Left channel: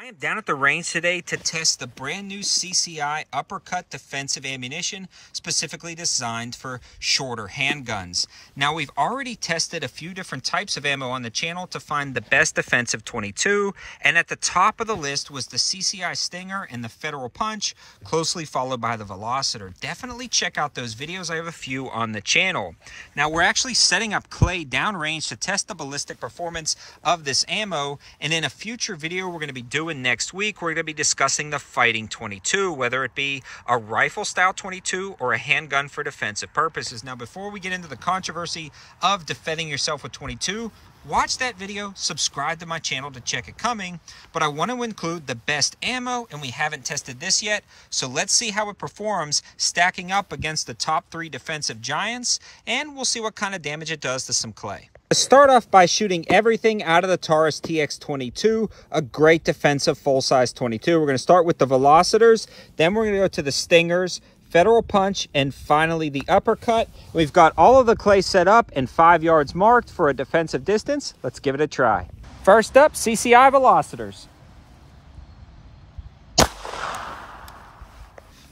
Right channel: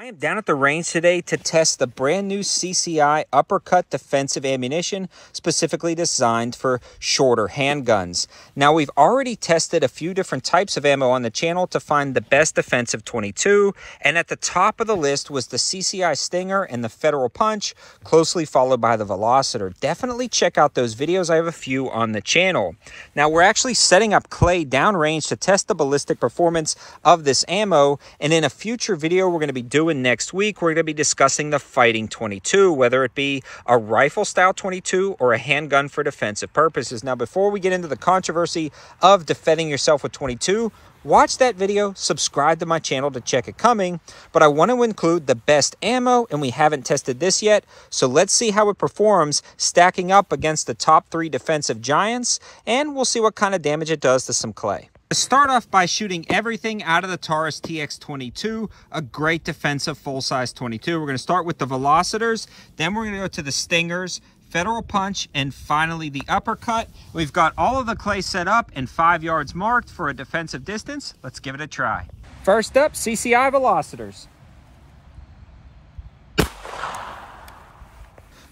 I am down at the range today to test the brand new CCI Uppercut defensive ammunition specifically designed for shorter handguns. Now, we've already tested a few different types of ammo on the channel to find the best defensive .22, and at the top of the list was the CCI Stinger and the Federal Punch, closely followed by the Velocitor. Definitely check out those videos. I have a few on the channel. Now, we're actually setting up clay downrange to test the ballistic performance of this ammo, and in a future video we're going to be doing next week, we're going to be discussing the fighting .22, whether it be a rifle style .22 or a handgun for defensive purposes. Now, before we get into the controversy of defending yourself with .22, watch that video, subscribe to my channel to check it coming, but I want to include the best ammo, and we haven't tested this yet, so let's see how it performs stacking up against the top 3 defensive giants, and we'll see what kind of damage it does to some clay. Let's start off by shooting everything out of the Taurus TX22, a great defensive full-size .22. We're going to start with the Velocitors, then we're going to go to the Stingers, Federal Punch, and finally the Uppercut. We've got all of the clay set up and 5 yards marked for a defensive distance. Let's give it a try. First up, CCI Velocitors.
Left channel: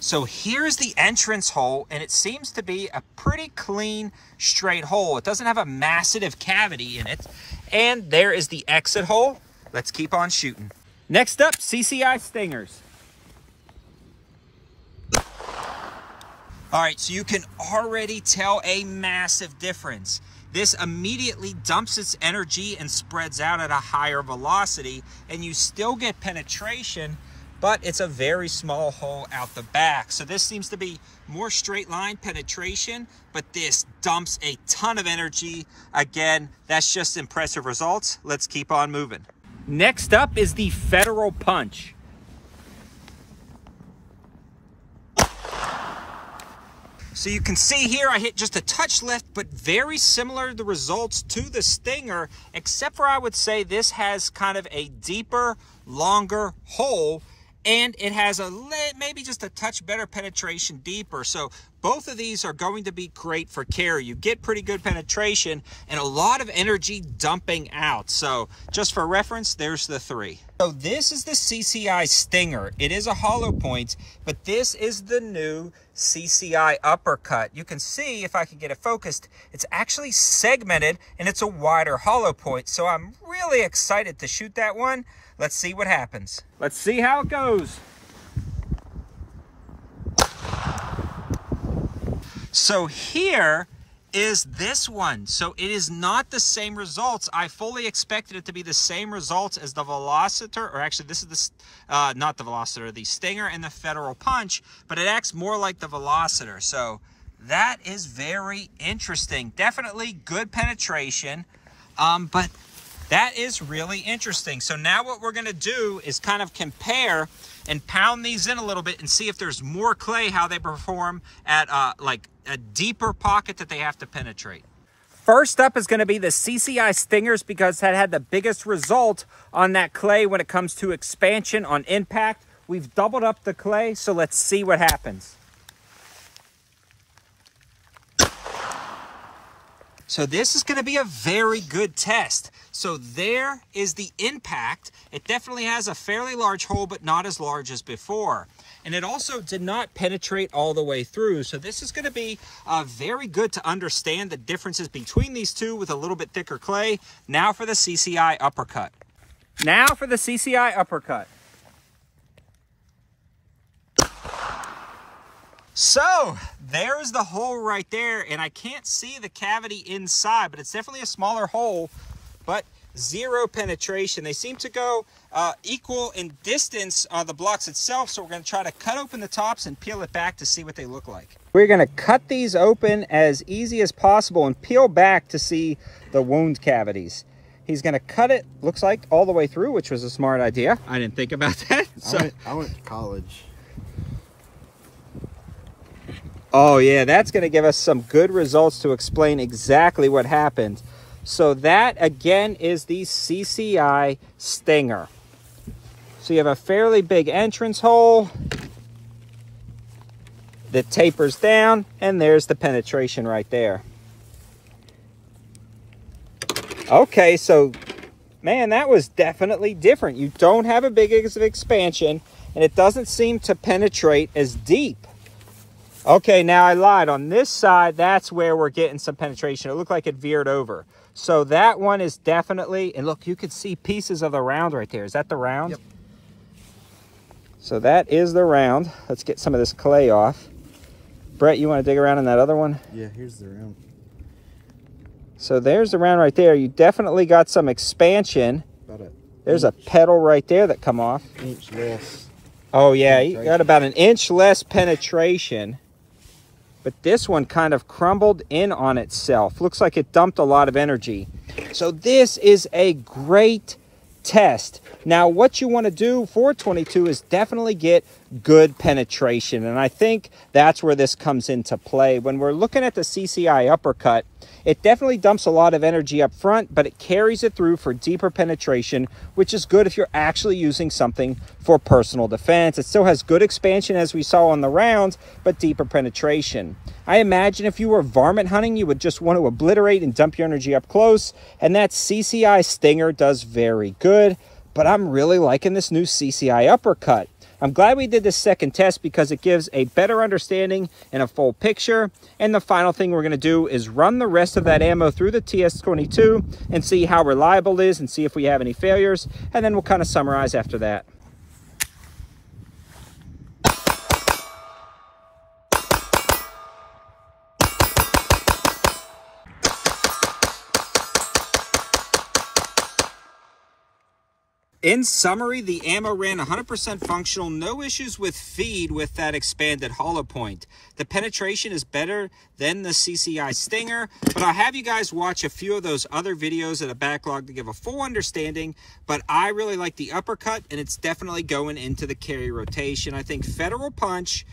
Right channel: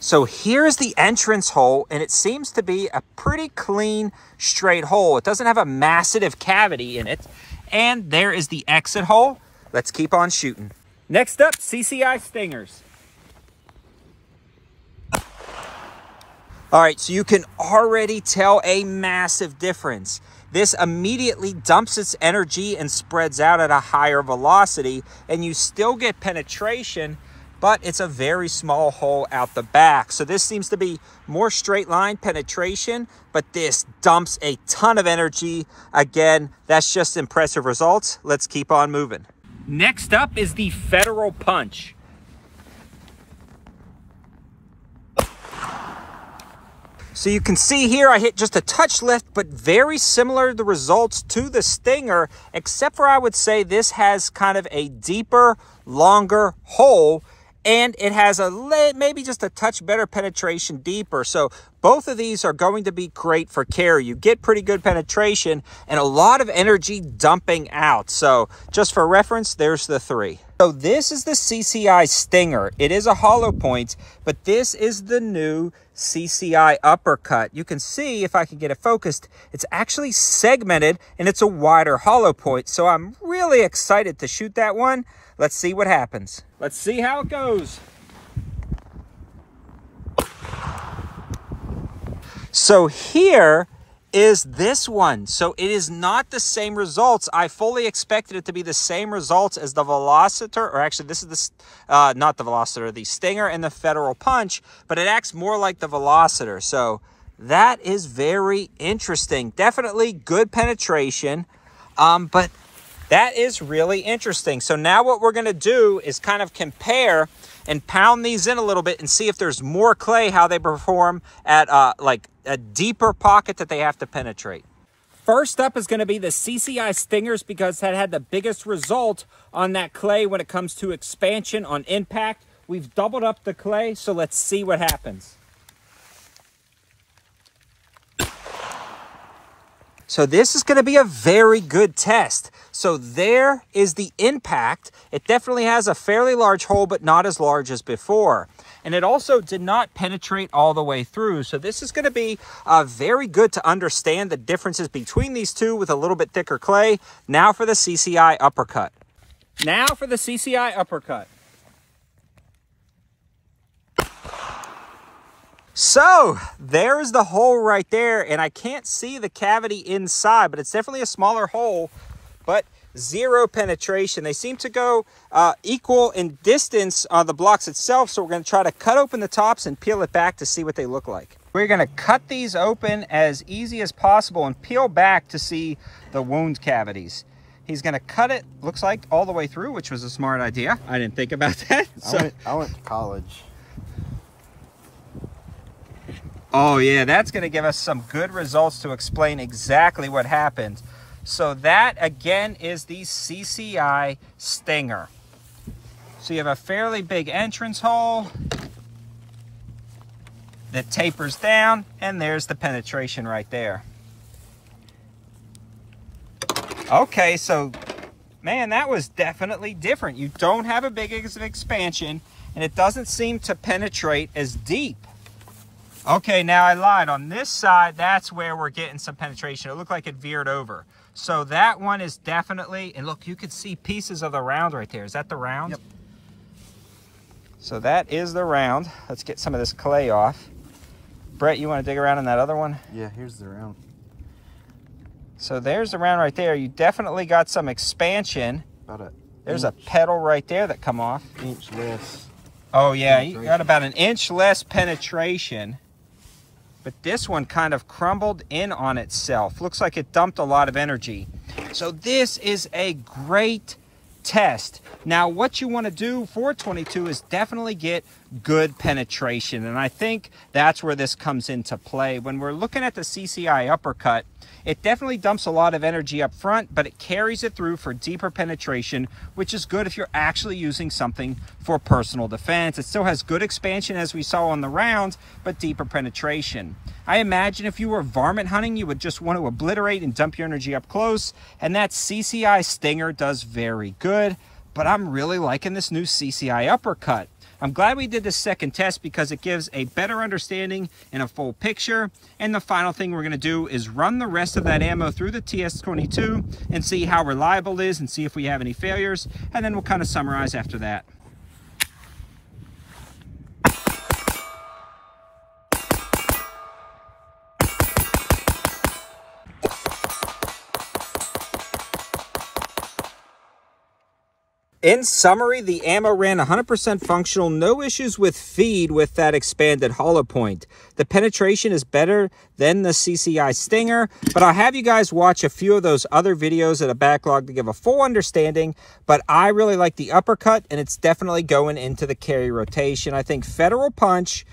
So here's the entrance hole, and it seems to be a pretty clean, straight hole. It doesn't have a massive cavity in it. And there is the exit hole. Let's keep on shooting. Next up, CCI Stingers. All right, so you can already tell a massive difference. This immediately dumps its energy and spreads out at a higher velocity, and you still get penetration, but it's a very small hole out the back. So this seems to be more straight line penetration, but this dumps a ton of energy. Again, that's just impressive results. Let's keep on moving. Next up is the Federal Punch. So you can see here I hit just a touch lift, but very similar to the results to the Stinger, except for I would say this has kind of a deeper, longer hole, and it has maybe just a touch better penetration deeper. So both of these are going to be great for carry. You get pretty good penetration and a lot of energy dumping out. So just for reference, there's the 3. So this is the CCI Stinger. It is a hollow point, but this is the new CCI Uppercut. You can see, if I can get it focused, it's actually segmented and it's a wider hollow point. So I'm really excited to shoot that one. Let's see what happens. Let's see how it goes. So here is this one. So it is not the same results. I fully expected it to be the same results as the Velocitor, or actually this is the, not the Velocitor, the Stinger and the Federal Punch, but it acts more like the Velocitor. So that is very interesting. Definitely good penetration, but that is really interesting. So now what we're going to do is kind of compare and pound these in a little bit and see if there's more clay, how they perform at like a deeper pocket that they have to penetrate. First up is going to be the CCI Stingers, because that had the biggest result on that clay when it comes to expansion on impact. We've doubled up the clay, so let's see what happens. So this is going to be a very good test. So there is the impact. It definitely has a fairly large hole, but not as large as before. And it also did not penetrate all the way through. So this is going to be very good to understand the differences between these two with a little bit thicker clay. Now for the CCI Uppercut. Now for the CCI Uppercut. So there's the hole right there, and I can't see the cavity inside, but it's definitely a smaller hole, but zero penetration. They seem to go equal in distance on the blocks itself, so we're going to try to cut open the tops and peel it back to see what they look like. We're going to cut these open as easy as possible and peel back to see the wound cavities. He's going to cut it, looks like, all the way through, which was a smart idea. I didn't think about that. I went to college. Oh yeah, that's going to give us some good results to explain exactly what happened. So that, again, is the CCI Stinger. So you have a fairly big entrance hole that tapers down, and there's the penetration right there. Okay, so Man, that was definitely different. You don't have a big expansion, and it doesn't seem to penetrate as deep. Okay, now I lied. On this side, that's where we're getting some penetration. It looked like it veered over. So that one is definitely, and look, you could see pieces of the round right there. Is that the round? Yep. So that is the round. Let's get some of this clay off. Brett, you want to dig around in that other one? Yeah, here's the round. So there's the round right there. You definitely got some expansion. There's a pedal right there that come off. Inch less. Oh yeah, you got about an inch less penetration. But this one kind of crumbled in on itself. Looks like it dumped a lot of energy. So this is a great test. Now what you want to do for 22 is definitely get good penetration, and I think that's where this comes into play. When we're looking at the CCI Uppercut, it definitely dumps a lot of energy up front, but it carries it through for deeper penetration, which is good if you're actually using something for personal defense. It still has good expansion as we saw on the rounds, but deeper penetration. I imagine if you were varmint hunting, you would just want to obliterate and dump your energy up close, and that CCI Stinger does very good, but I'm really liking this new CCI Uppercut. I'm glad we did this second test because it gives a better understanding and a full picture. And the final thing we're going to do is run the rest of that ammo through the TS22 and see how reliable it is and see if we have any failures. And then we'll kind of summarize after that. In summary, the ammo ran 100% functional, no issues with feed with that expanded hollow point. The penetration is better than the CCI Stinger, but I'll have you guys watch a few of those other videos at a backlog to give a full understanding, but I really like the Uppercut, and it's definitely going into the carry rotation. I think Federal Punch,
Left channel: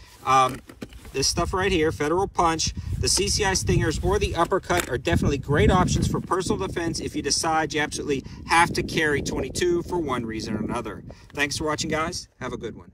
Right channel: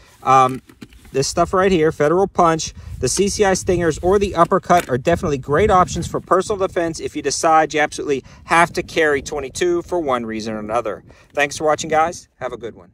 this stuff right here, Federal Punch, the CCI Stingers, or the Uppercut are definitely great options for personal defense if you decide you absolutely have to carry 22 for one reason or another. Thanks for watching, guys. Have a good one.